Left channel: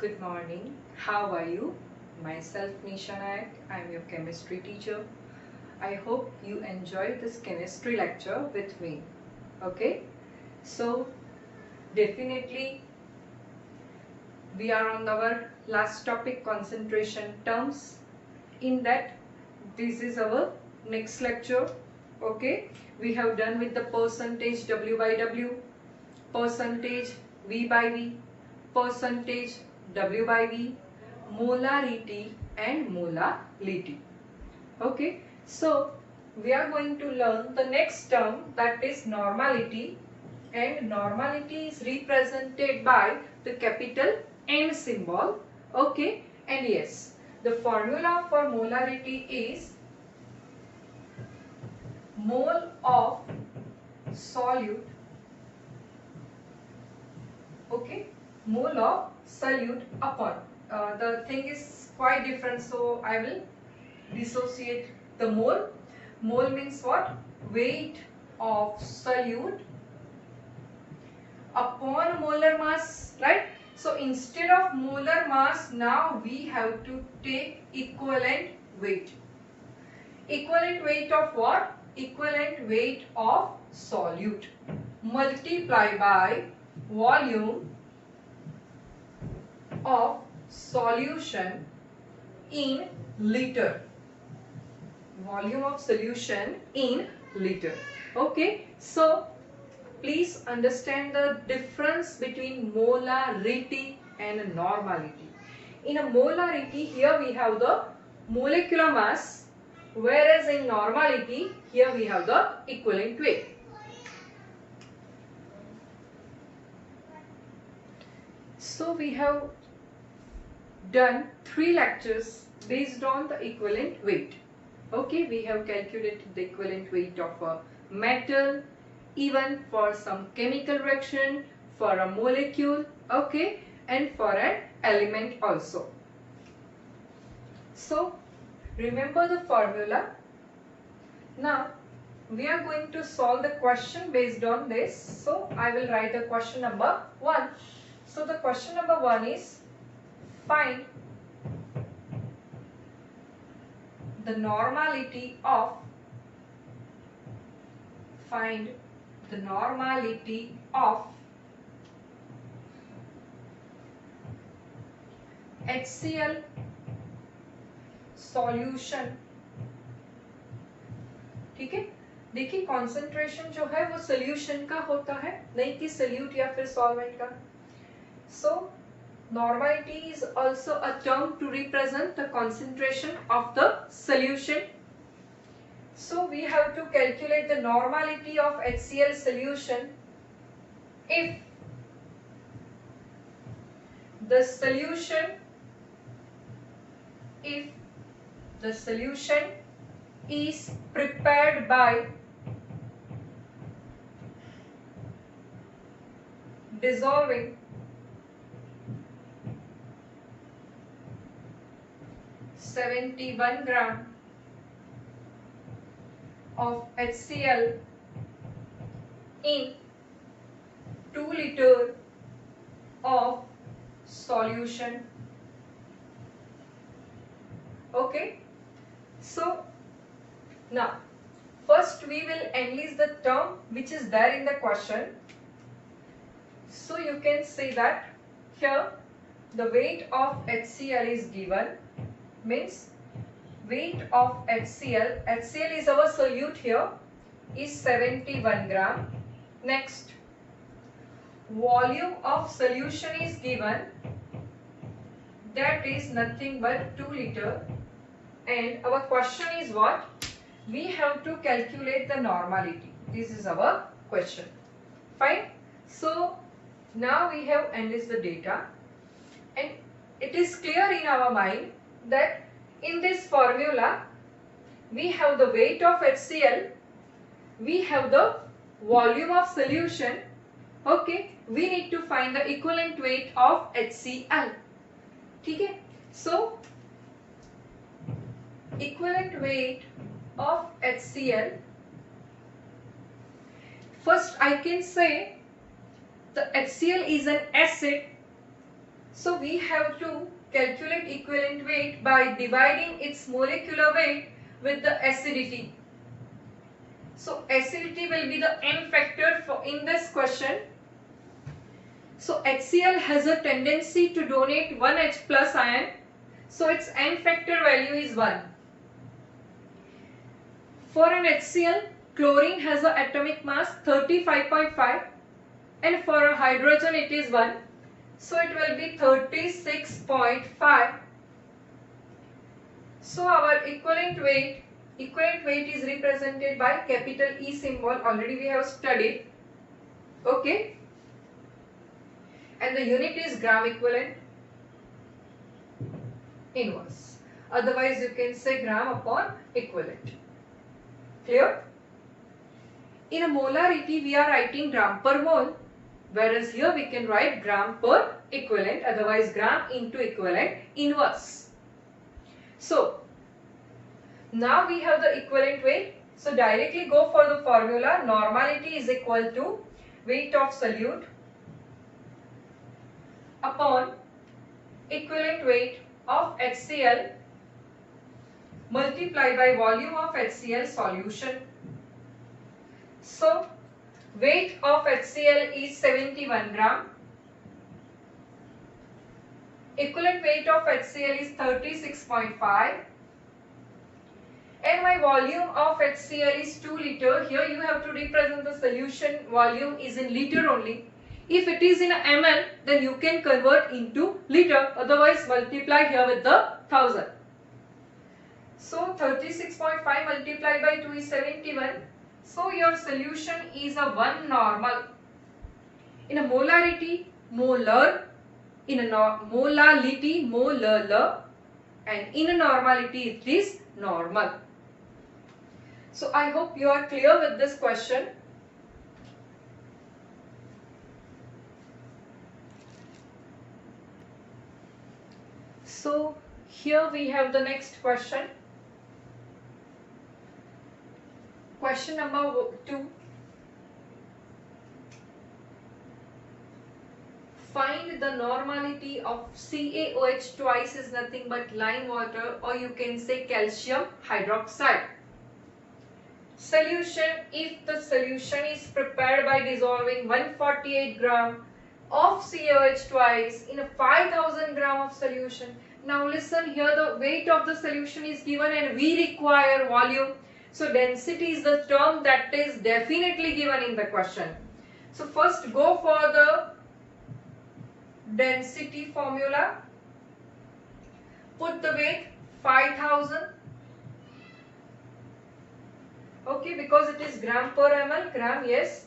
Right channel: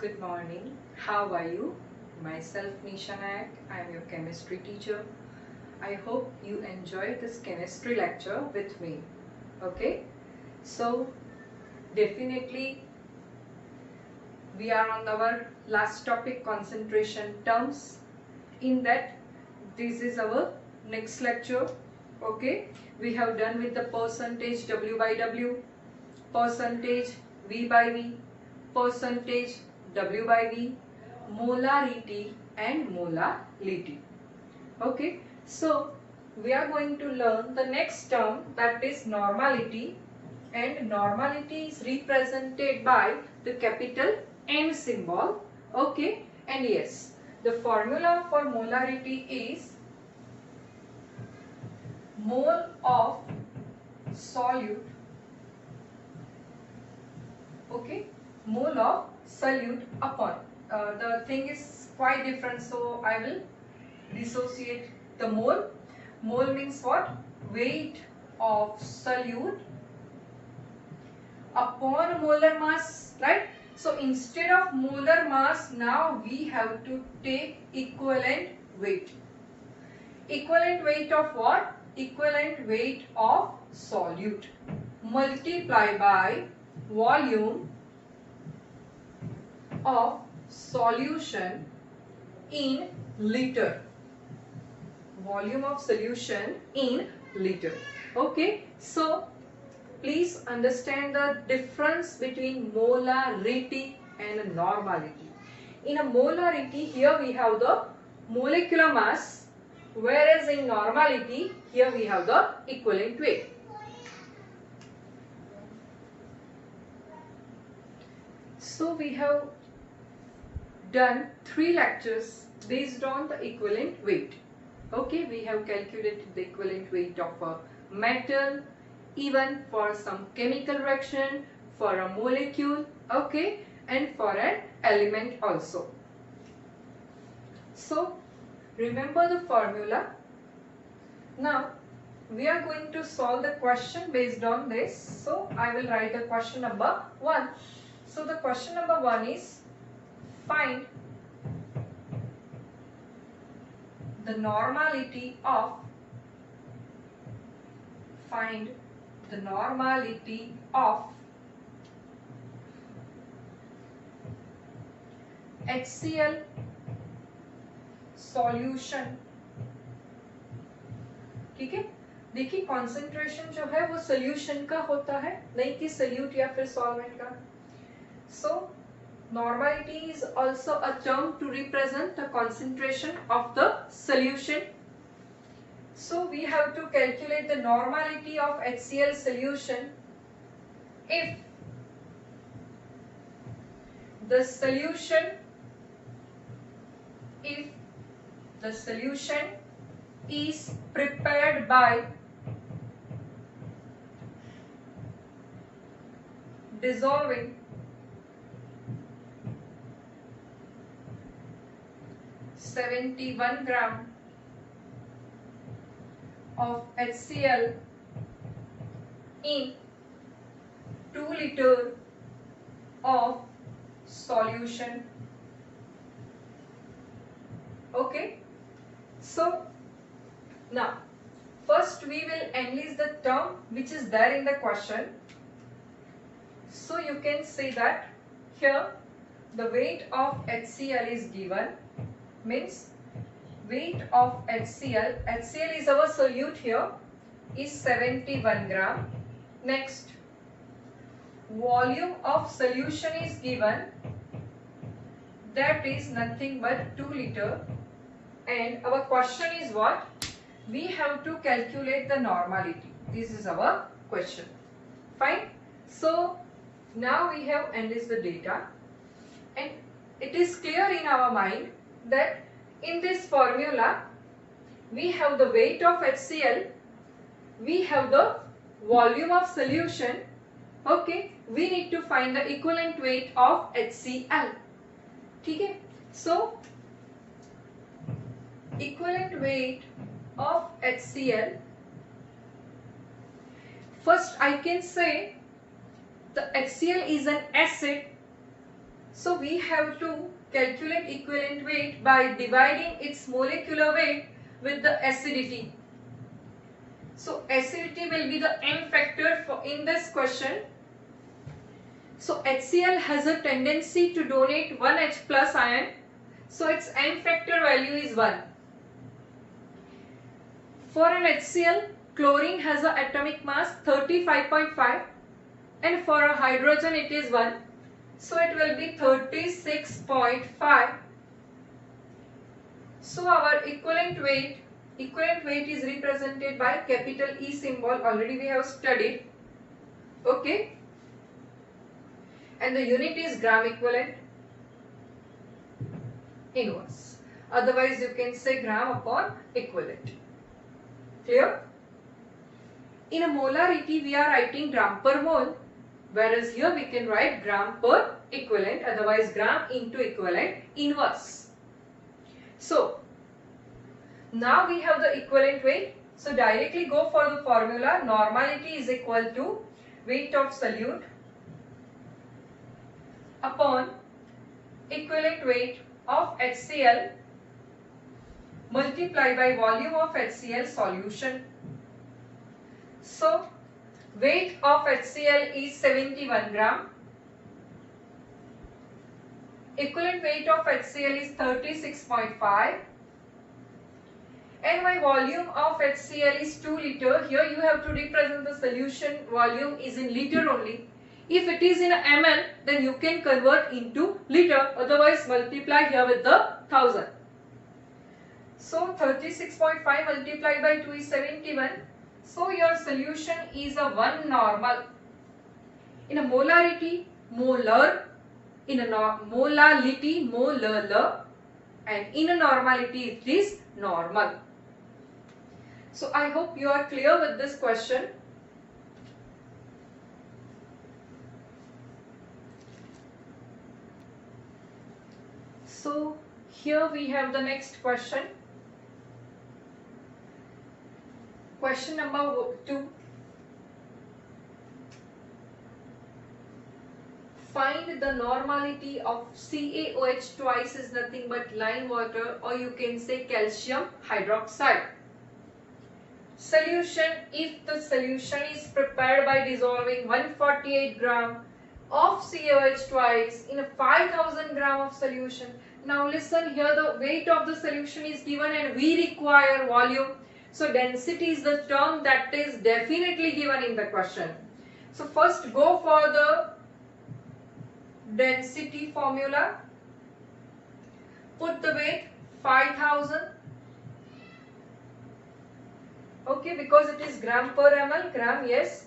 good morning. How are you? Myself Nisha Nayak. I am your chemistry teacher. I hope you enjoyed this chemistry lecture with me. Okay? So, definitely we are on our last topic, concentration terms. In that, this is our next lecture. Okay? We have done with the percentage W by W, percentage V by V, percentage W by V, molarity and molality. Okay, so we are going to learn the next term, that is normality, and normality is represented by the capital M symbol. Okay, and yes, the formula for molarity is mole of solute. Okay, mole of solute upon the thing is quite different, so I will dissociate the mole. Mole means what? Weight of solute upon molar mass, right? So instead of molar mass, now we have to take equivalent weight. Equivalent weight of what? Equivalent weight of solute multiply by volume of solution in liter. Volume of solution in liter. Okay, so please understand the difference between molarity and normality. In a molarity, here we have the molecular mass, whereas in normality, here we have the equivalent weight. So we have done 3 lectures based on the equivalent weight. Okay, we have calculated the equivalent weight of a metal, even for some chemical reaction, for a molecule, okay, and for an element also. So remember the formula. Now we are going to solve the question based on this. So I will write the question number 1. So the question number 1 is, find the normality of HCl solution. ठीक है, देखिए concentration जो है वो solution का होता है, नहीं कि सोल्यूट या फिर सॉल्वेंट का. So normality is also a term to represent the concentration of the solution. So we have to calculate the normality of HCl solution if the solution is prepared by dissolving 71 gram of HCl in 2 liter of solution. Okay, so now first we will enlist the term which is there in the question. So you can say that here the weight of HCl is given, means weight of HCl is our solute here, is 71 gram. Next, volume of solution is given, that is nothing but 2 liter. And our question is what? We have to calculate the normality. This is our question. Fine. So now we have enlisted the data, and it is clear in our mind that in this formula we have the weight of HCl, we have the volume of solution. Okay, we need to find the equivalent weight of HCl. ठीक है, so equivalent weight of HCl, first I can say the HCl is an acid, So we have to calculate equivalent weight by dividing its molecular weight with the acidity. So acidity will be the N factor for in this question. So HCl has a tendency to donate 1 H plus ion. So its N factor value is 1. For an HCl, chlorine has an atomic mass 35.5 and for a hydrogen it is 1. So it will be 36.5. So our equivalent weight is represented by capital E symbol. Already we have studied. Okay. And the unit is gram equivalent inverse. Otherwise you can say gram upon equivalent. Clear? In a molarity we are writing gram per mole, whereas here we can write gram per equivalent, otherwise gram into equivalent inverse. So now we have the equivalent weight. So directly go for the formula. Normality is equal to weight of solute upon equivalent weight of HCl multiplied by volume of HCl solution. So weight of HCl is 71 gram. Equivalent weight of HCl is 36.5. And my volume of HCl is 2 liter. Here you have to represent the solution volume is in liter only. If it is in ml, then you can convert into liter. Otherwise multiply here with the 1000. So 36.5 multiplied by 2 is 71. So your solution is a 1 normal. In a molarity, molar. In a molality, molar. And in a normality, it is normal. So I hope you are clear with this question. So here we have the next question. Question number 2. Find the normality of CaOH twice is nothing but lime water, or you can say calcium hydroxide. Solution: if the solution is prepared by dissolving 148 gram of CaOH twice in a 5000 gram of solution. Now listen here, the weight of the solution is given and we require volume. So density is the term that is definitely given in the question. So first go for the density formula. Put the weight 5000. Okay, because it is gram per ml, gram, yes.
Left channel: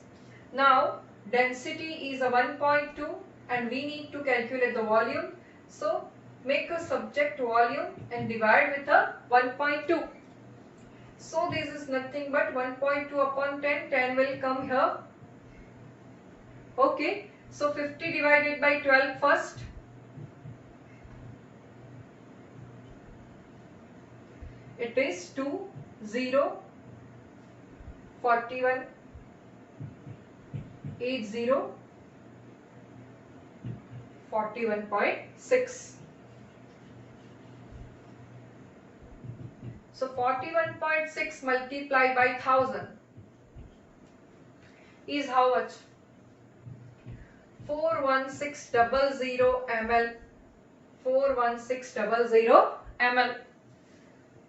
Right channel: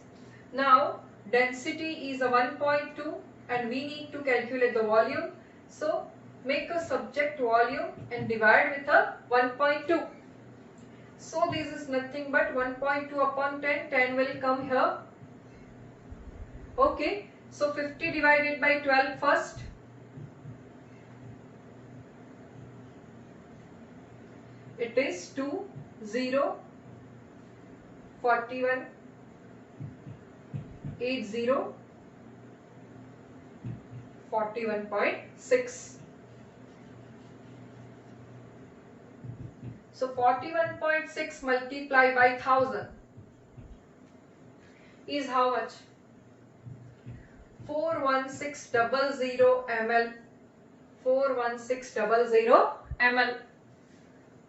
Now density is a 1.2 and we need to calculate the volume. So make a subject volume and divide with a 1.2. So this is nothing but 1.2 upon 10. 10 will come here. Okay. So 50 divided by 12 first. It is 2, 0, 41, 80, 41.6. So 41.6 multiplied by 1000 is how much? 41600 ml. 41600 ml.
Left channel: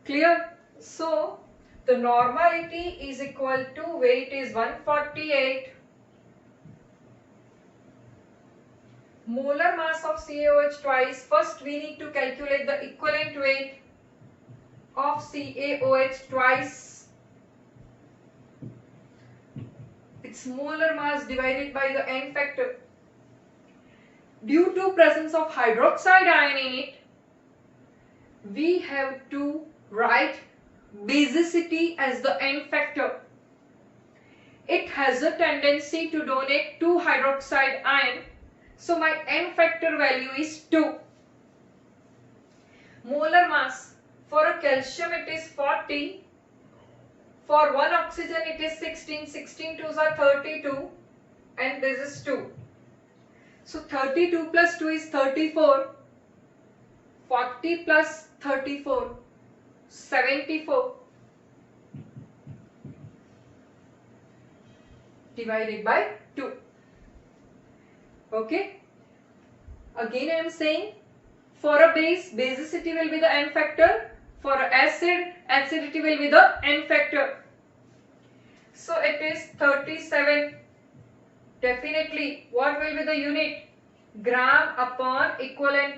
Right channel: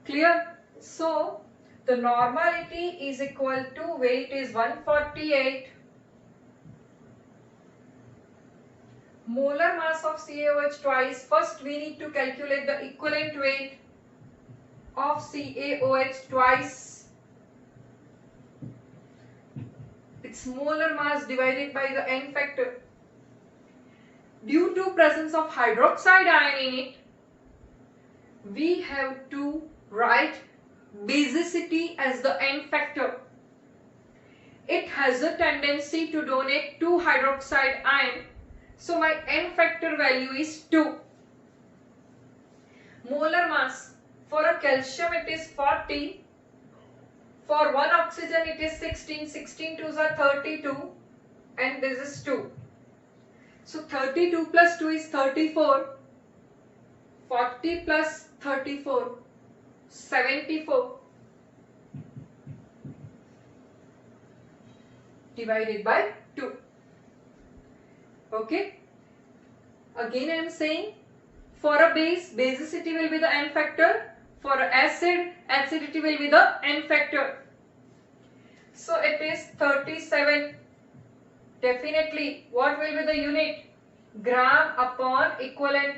Clear? So the normality is equal to weight is 148. Molar mass of CaOH twice. First we need to calculate the equivalent weight of CaOH twice. Its molar mass divided by the N factor. Due to presence of hydroxide ion in it, we have to write basicity as the N factor. It has a tendency to donate 2 hydroxide ion. So my N factor value is 2. Molar mass. For a calcium it is 40. For one oxygen it is 16. 16 2s are 32. And this is 2. So 32 plus 2 is 34. 40 plus 34, 74. Divided by 2. Okay. Again I am saying, for a base, basicity will be the n factor. For an acid, acidity will be the n factor. So it is 37. Definitely, what will be the unit? Gram upon equivalent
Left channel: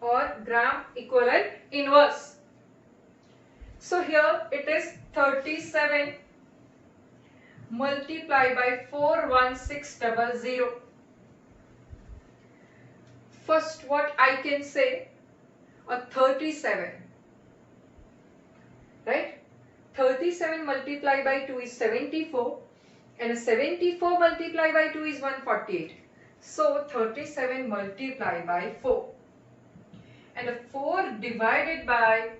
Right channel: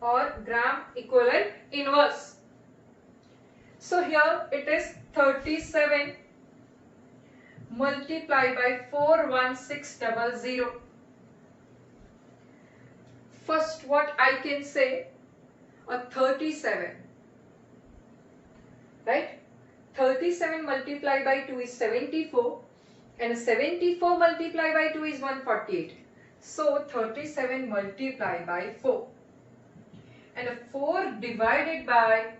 or gram equivalent inverse. So here it is 37 multiplied by 41600. First, what I can say, a 37, right? 37 multiplied by 2 is 74, and a 74 multiplied by 2 is 148. So 37 multiplied by 4, and a 4 divided by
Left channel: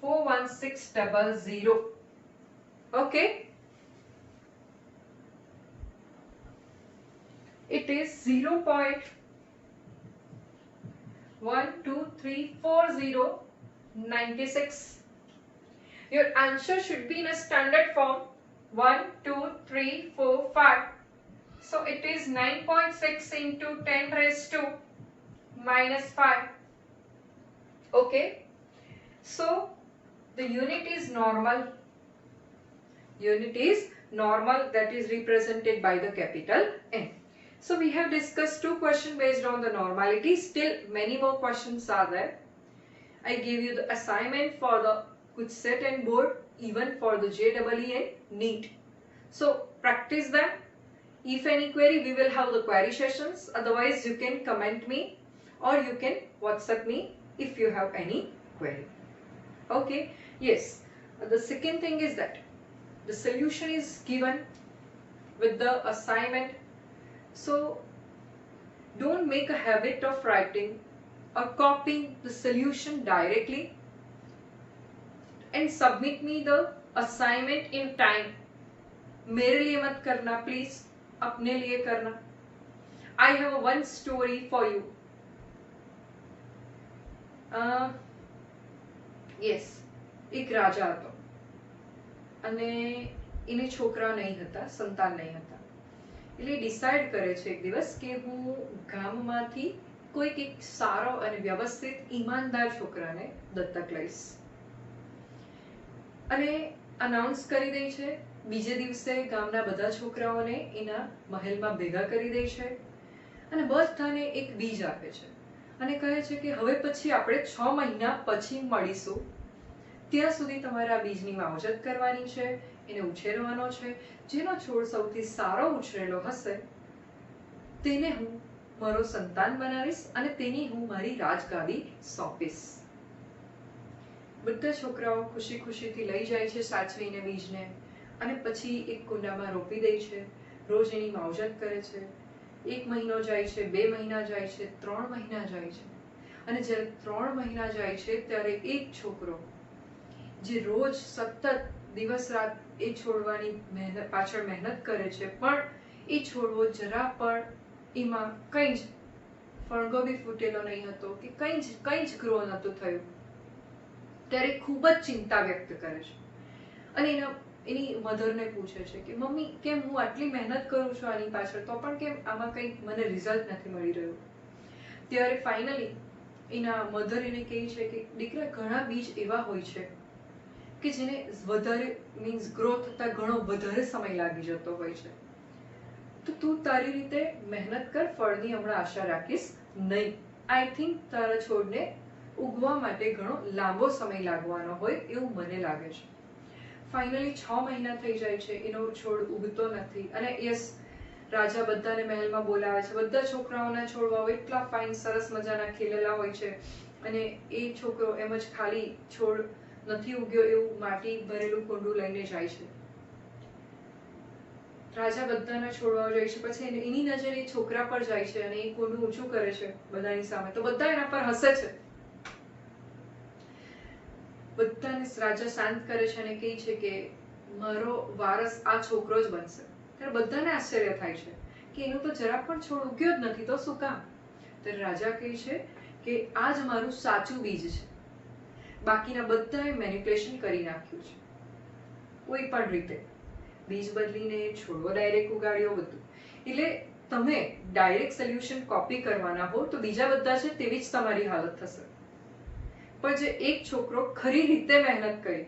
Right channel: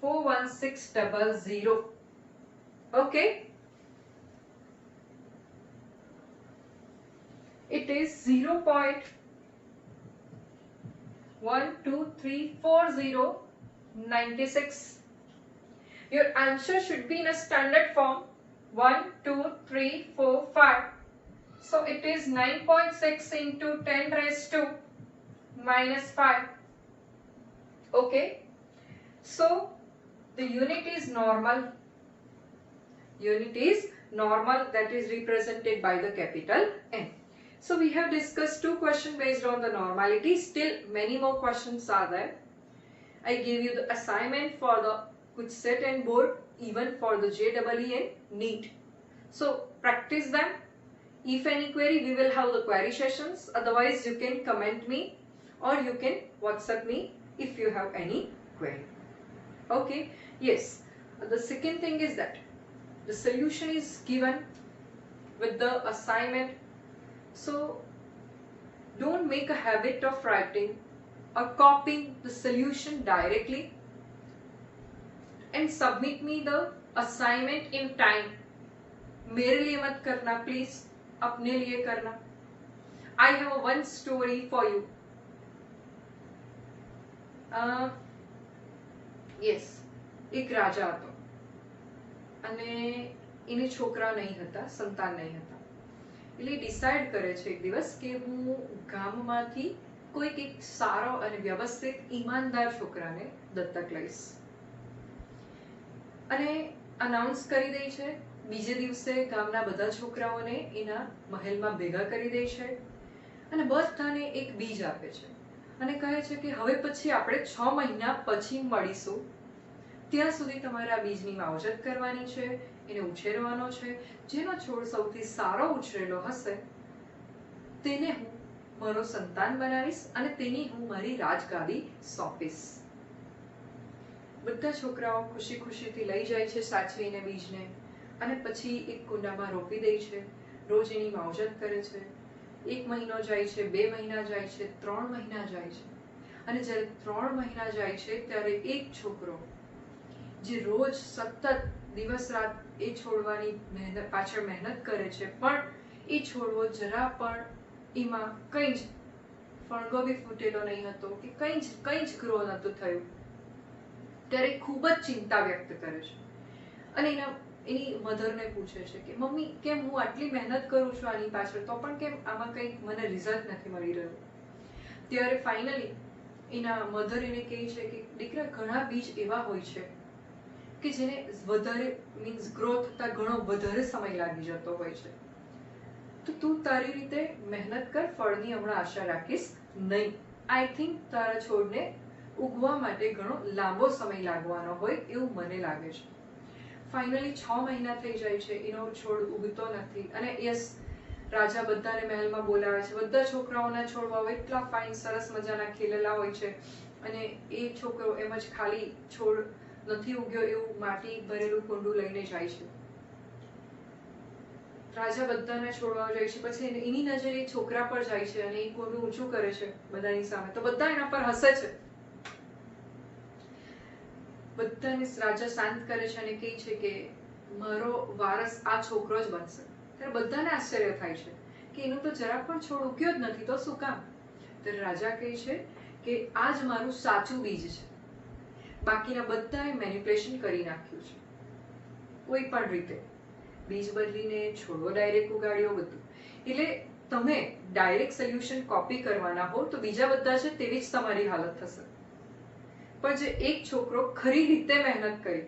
41600. Okay, it is 0.1234096. Your answer should be in a standard form 1, 2, 3, 4, 5. So it is 9.6 into 10 raised to minus 5. Okay. So the unit is normal. Unit is normal, that is represented by the capital N. So we have discussed 2 questions based on the normality. Still many more questions are there. I gave you the assignment for the KUCET and board, even for the JEE and NEET. So practice them. If any query, we will have the query sessions. Otherwise, you can comment me or you can WhatsApp me if you have any query. Okay. Yes. The second thing is that the solution is given with the assignment. So don't make a habit of writing or copying the solution directly, and submit me the assignment in time. मेरे लिए मत करना please, अपने लिए करना. I have one story for you. Yes, એક રાજા હતો અને એની છોકરા નહીં હતા, સંતાન નહીં હતા. એટલે ડિસાઈડ કરે છે એક દિવસ કે હું ગામમાંથી કોઈક એક સારો અને વ્યવસ્થિત ઈમાનદાર છોકરાને દત્તક લઈશ અને અનાઉન્સ કરી દે છે. બીજે દિવસે ગામના બધા છોકરાઓને એના મહેલમાં ભેગા કરી દે છે અને બધાને એક બીજ આપે છે અને કહે છે કે હવે પછી આપણે 6 મહિના પછી મળીશું. ત્યાં સુધી તમારે આ બીજની માવજત કરવાની છે, એને ઉછેરવાનો છે. જેનો છોડ સૌથી સારો ઉછરેલો હશે તેને હું મારો સંતાન બનાવીશ અને તેની હું મારી રાજગાદી સોંપીશ. બધા છોકરાઓ ખુશી ખુશીથી લઈ જાય છે સાચવીને બીજને અને પછી એક કુંડામાં રોપી દે છે. રોજ એની માવજત કરે છે. 1 મહિનો જાય છે, 2 મહિના જાય છે, 3 મહિના જાય છે અને જ્યારે 3 મહિના જાય છે ત્યારે એક છોકરો જે રોજ સતત દિવસ રાત એ છોડવાની પાછળ મહેનત કરે છે પણ એ છોડવો જરા પણ એમાં કંઈ જ ફણગો બી ફૂટેલો નહીં હતો કે કંઈ જ ગ્રો નહોતું થયું, ત્યારે ખૂબ જ ચિંતા વ્યક્ત કરે છે અને એની મધરને પૂછે છે કે મમ્મી કેમ હું આટલી મહેનત કરું છું આની પાછળ તો પણ કેમ આમાં કંઈક મને રિઝલ્ટ નથી મળી રહ્યું. ત્યારે ફાઇનલી એના મધર એને કહે છે કે દીકરા ઘણા બીજ એવા હોય છે કે જેને વધારે મીન્સ ગ્રો થતા ઘણો વધારે સમય લાગી જતો હોય છે. તો તું તારી રીતે મહેનત કર, ફળની હમણાં આશા રાખીશ નહીં. આઈ થિંક તારા છોડને ઉગવા માટે ઘણો લાંબો સમય લાગવાનો હોય એવું મને લાગે છે. ફાઇનલી 6 મહિના થઈ જાય છે, એનો છોડ ઉગતો નથી અને યસ રાજા બધાને મહેલમાં બોલાવે છે. બધા છોકરાઓના છોડવાઓ એટલા ફાઇન સરસ મજાના ખીલેલા હોય છે અને એ છોકરો એમ જ ખાલી છોડ નથી ઉગ્યો એવું માટી ભરેલું કુંડું લઈને જાય છે. રાજા બધાના છોડવાઓ જાય છે, પછી એની નજર એ છોકરા પર જાય છે અને એ કુંડું ઊંચું કરે છે બધાની સામે. તો બધા એના પર હસે છે. બધાને રાજા શાંત કરે છે અને કહે છે કે મારો વારસ આ છોકરો જ બનશે. ત્યારે બધાને આશ્ચર્ય થાય છે કે એનું તો જરાક પણ છોડ ઉગ્યો જ નથી, તો શું કામ? તો રાજા કહે છે કે આ જ મારું સાચું બીજ છે, બાકીના બધાએ મેનિપ્યુલેશન કરી નાખ્યું છે, કોઈ પણ રીતે બીજ બદલીને છોડવો ડાયરેક્ટ ઉગાડ્યો બધું. એટલે તમે ડાયરેક્ટ સોલ્યુશન કોપી કરવાના હો તો બીજા બધા છે તેવી જ તમારી હાલત થશે. પણ જે એક છોકરો ખરી રીતે મહેનત કરી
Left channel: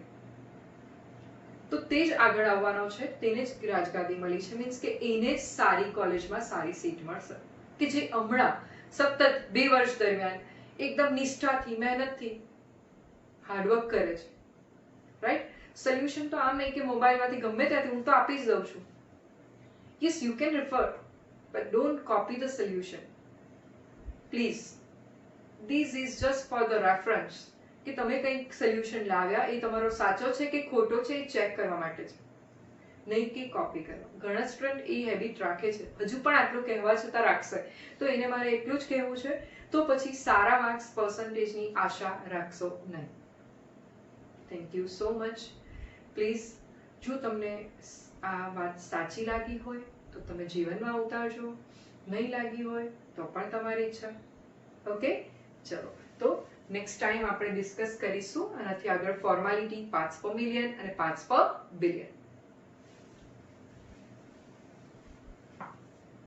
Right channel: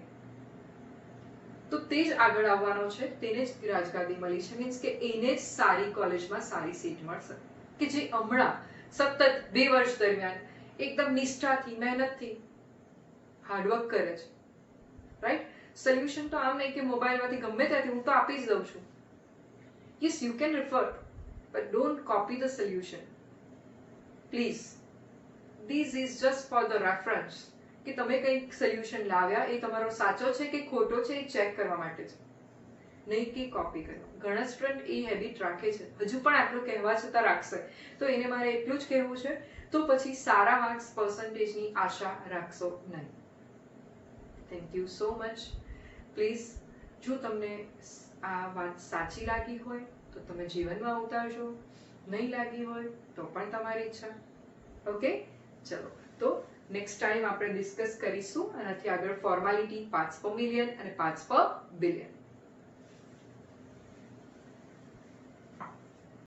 તો તે જ આગળ આવવાનો છે, તેને જ રાજગાદી મળી છે. મીન્સ કે એને જ સારી કોલેજમાં સારી સીટ મળશે, કે જે હમણાં સતત 2 વર્ષ દરમિયાન એકદમ નિષ્ઠાથી મહેનતથી હાર્ડવર્ક કરે છે. રાઈટ? સોલ્યુશન તો આમ નહીં કે મોબાઈલમાંથી ગમે ત્યાંથી હું તો આપી જ દઉં છું. Yes, you can refer, but don't copy the solution. Please. This is just for the reference. કે તમે કંઈક સોલ્યુશન લાવ્યા એ તમારો સાચો છે કે ખોટો છે એ ચેક કરવા માટે છે, નહીં કે કોપી કરવા. ઘણા સ્ટુડન્ટ એ હેબિટ રાખે છે, હજુ પણ આટલું કહેવા છતાં રાખશે. તો એને મારે એટલું જ કહેવું છે, તો પછી સારા માર્ક્સ પર્સન્ટેજની આશા રાખશો નહીં. Thank you so much. Please, જો તમને આ વાત સાચી લાગી હોય તો તમે જીવનમાં ઉતારજો, નહીં લાગી હોય તો પણ તમારી ઈચ્છા. ઓકે, ચલો તો નેક્સ્ટ ટાઈમ આપણે ડિસ્કસ કરીશું આનાથી આગળ ફોર્માલિટી, પાર્ટ્સ પર મિલિયન અને પાર્ટ્સ પર બિલિયન.